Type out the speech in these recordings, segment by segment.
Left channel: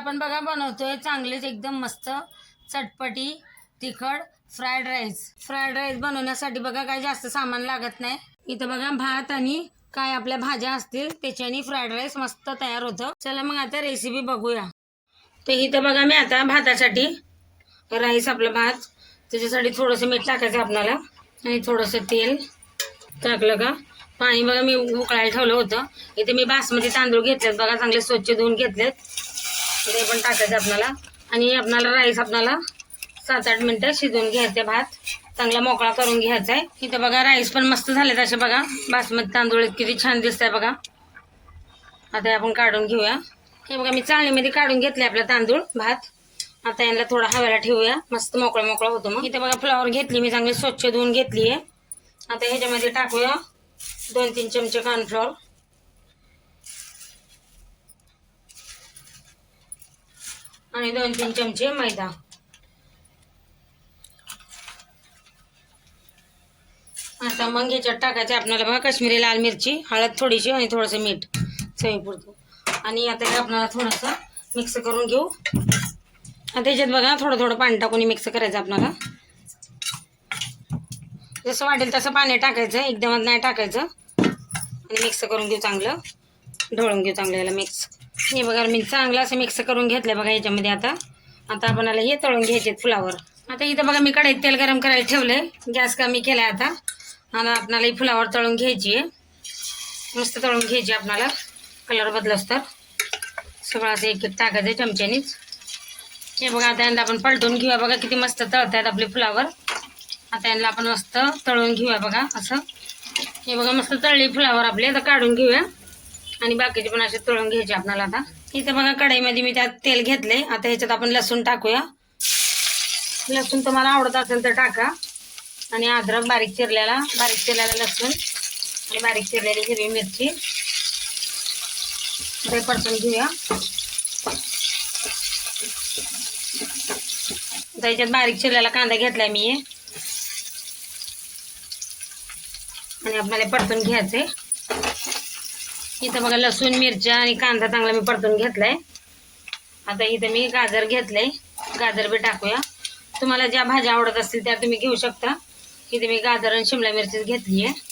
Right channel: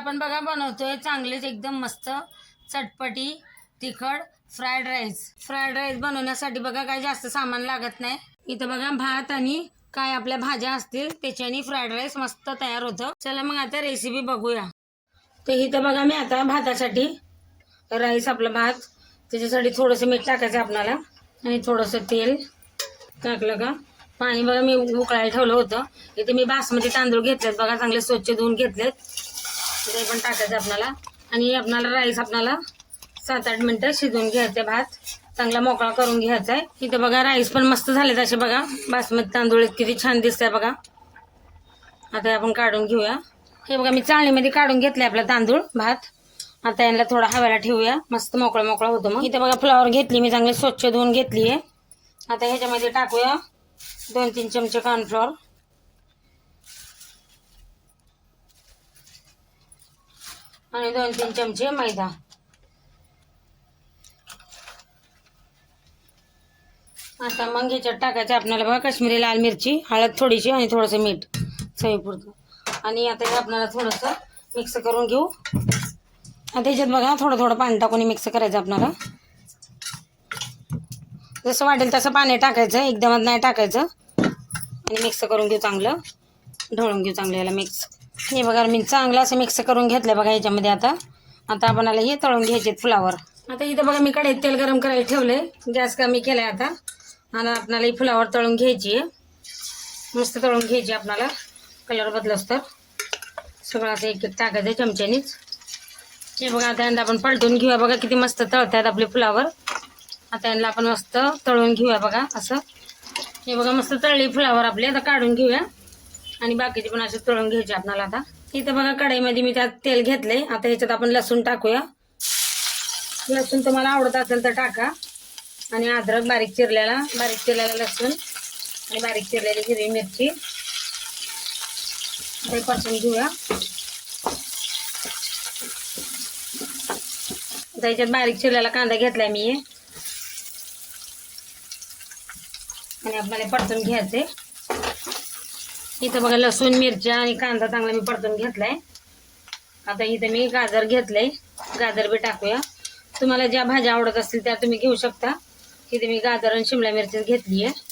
आपण बघा बनवतोय चांगलेच एकदम मस्त. चटपटी तिखट फ्राईड राईस. फ्राईड राईस बनवण्यासाठी बघा काही जास्त सामान लागत नाही. इथं बघा भात आणि काय आपल्या भाज्या असतील त्याच्याने फ्राईड राईस मस्त तयार होतं. चला मग आता रेसिपी बघूया. तर इथं बघा मी आता भातासाठी राईस आपला भात. त्याच्यासाठी थोडंसं मीठ टाकायचं आपल्याला. आणि थोडंसं तेल टाकलं का? पाणी बघा मी उकळायला ठेवलं होतं. इथे मी बासमती तांदूळ घेतलेत बघा चांगले स्वच्छ धुवून घेतलेत. ते पण टाकायचं आपल्याला. आणि आपणाला राईस आपणाला सात आठ मिनटं शिजवून घ्यायचे भात. चांगला मोकळा करून घ्यायचा आहे. इथं बघा राईस पण मस्त झालेत असे बघा. बासमती तांदूळ किती छान दिसत आहे बघा. आता आपण काढून घेऊया. हे बघा मी चाळणीमध्ये काढून घेतले आपला तांदूळ भात. आता यांना थोडा हवेला ठेवूया. मस्त मोकळं मोकळं होतो मग. इथं बघा फ्लॉवर घेतली मी चांगली स्वच्छ धुवून घेतली आहे आता ह्याच्यामध्ये टाकूया दोन तीन चमचे कॉर्नफ्लॉवर आणि दोन तीन चमचे मैदा. आता मग ह्याच्यात टाकायचं आपल्याला बघा काश्मीरी लाल मिरची हळद थोडीशी आणि थोडंसं मीठ चवीपुरतं. आणि आता हे आपल्याला थोडंसं मिक्स करून घेऊ. आता ह्याच्यात बघा थोडं थोडं पाणी टाकून मिक्स करायचं आपल्याला. जसं वाटेल तसं पाणी टाकायचं एकदमच नाही टाकायचं. आणि मिक्स करून घेऊ चांगलं. ढवळून घेऊ चांगलं याला मिक्स हे बघा मी चांगलं असं मिक्स करून घेतलं बघा याच्यामध्ये आता. आता आपणाला हे तळून घ्यायचे फुलावर. आता इथं बघा मी कढईत तेल गरम करायला ठेवले गॅस कमी केलाय आता. आणि आपणाला ही फुलावर तळून घ्यायची आहे. मस्त तळून घ्यायची आपणाला. कलर बदलस तर. सगळं असं एक एक टाकायचं चमच्यानीच. हे बघा आता यांना आपण पलटून घेऊया बघा किती मस्त तळतायत आपले फुलावर. आता यांना आपण मस्त तळून घेऊया बघा असं. हे बघा मस्त तळली फुलावर आपले. आता काढून घेऊया. आणि बाकीचे पण असे तळून घ्यायचे आपल्याला आता. इथं बघा कढईमध्ये मी त्यात तेल घेतले आता ह्याच्यात आपण लसूण टाकूया. लसूण तुम्हाला आवडत असेल तर टाका. आणि अद्रक बारीक चिरलेला बारीक चिरलेला लसूण आणि बारीक चिरलेली हिरवी मिरची. ते परतून घेऊया. त्याच्यात ह्याच्यात बारीक चिरलेला कांदा घेतलाय मी. आणि आपल्याला परतून घ्यायचंय. इथं बघा लसूण मिरच्या आणि कांदा चांगला मी परतून घेतलाय. आता इथं मी गाजर घेतलंय. गाजर बी टाकूया. तुम्हाला ज्या भाज्या आवडत असतील त्या तुम्ही घेऊ शकता. इथे मी गाजर आणि शिमला मिरची घेतली आहे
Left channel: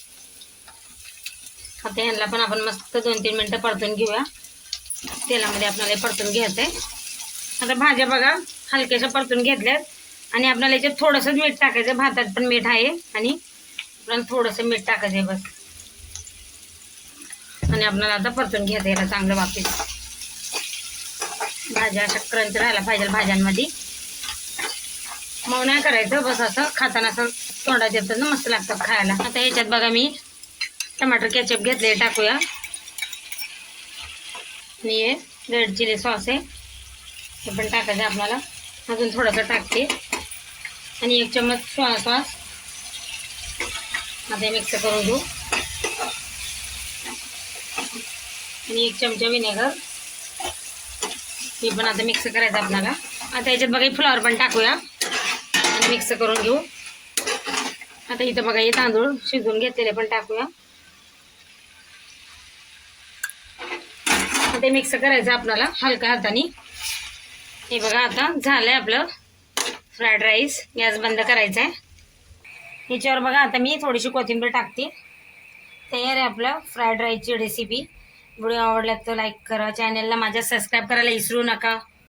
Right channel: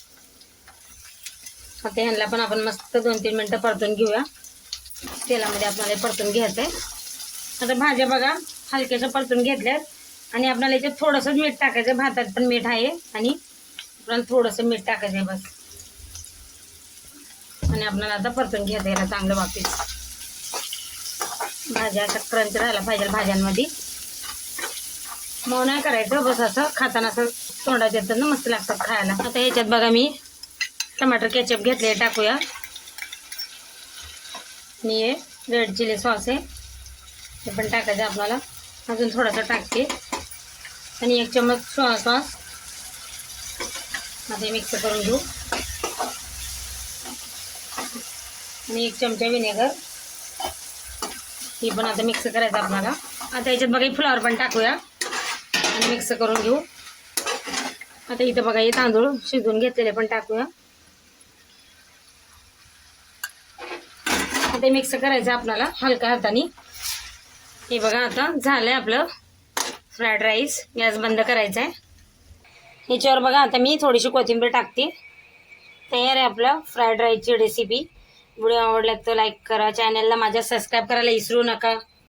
आता ह्यांना पण आपण मस्त दोन तीन मिनटं परतून घेऊया. तेलामध्ये आपल्याला परतून घ्यायचं आहे आता भाज्या बघा हलक्याशा परतून घेतल्यात. आणि आपल्याला याच्यात थोडंसं मीठ टाकायचं. भातात पण मीठ आहे आणि आपण थोडंसं मीठ टाकायचं आहे बस. आणि आपल्याला आता परतून घ्यायचं याला चांगलं वापस भाज्या अशा क्रंच राहायला पाहिजे भाज्यांमध्ये. मऊ नाही करायचं बस असं खाताना असं तोंडात येतं ना मस्त लागतं खायला. आता याच्यात बघा मी टमाटर केचप घेतले टाकूया. आणि हे रेड चिली सॉस आहे. हे पण टाकायचं आपल्याला. अजून थोडंसं टाकते. आणि एक चम्मच सॉस आता मिक्स करून घेऊ. आणि एक चमचा विनेगर. हे पण आता मिक्स करायचं आपल्याला. आता याच्यात बघा फ्लॉवर पण टाकूया. आणि मिक्स करून घेऊ. आता इथं बघा हे तांदूळ शिजवून घेतलेले पण टाकूया. आता मिक्स करायचं आपल्याला हलका हाताने. हे बघा आता झालंय आपलं फ्राईड राईस गॅस बंद करायचा आहे याच्यावर बघा आता मी थोडीशी कोथिंबीर टाकते. तयार आहे आपलं फ्राईड राईसची रेसिपी व्हिडिओ आवडला तर लाईक करा. चॅनलला माझ्या सबस्क्राईब करायला विसरू नका.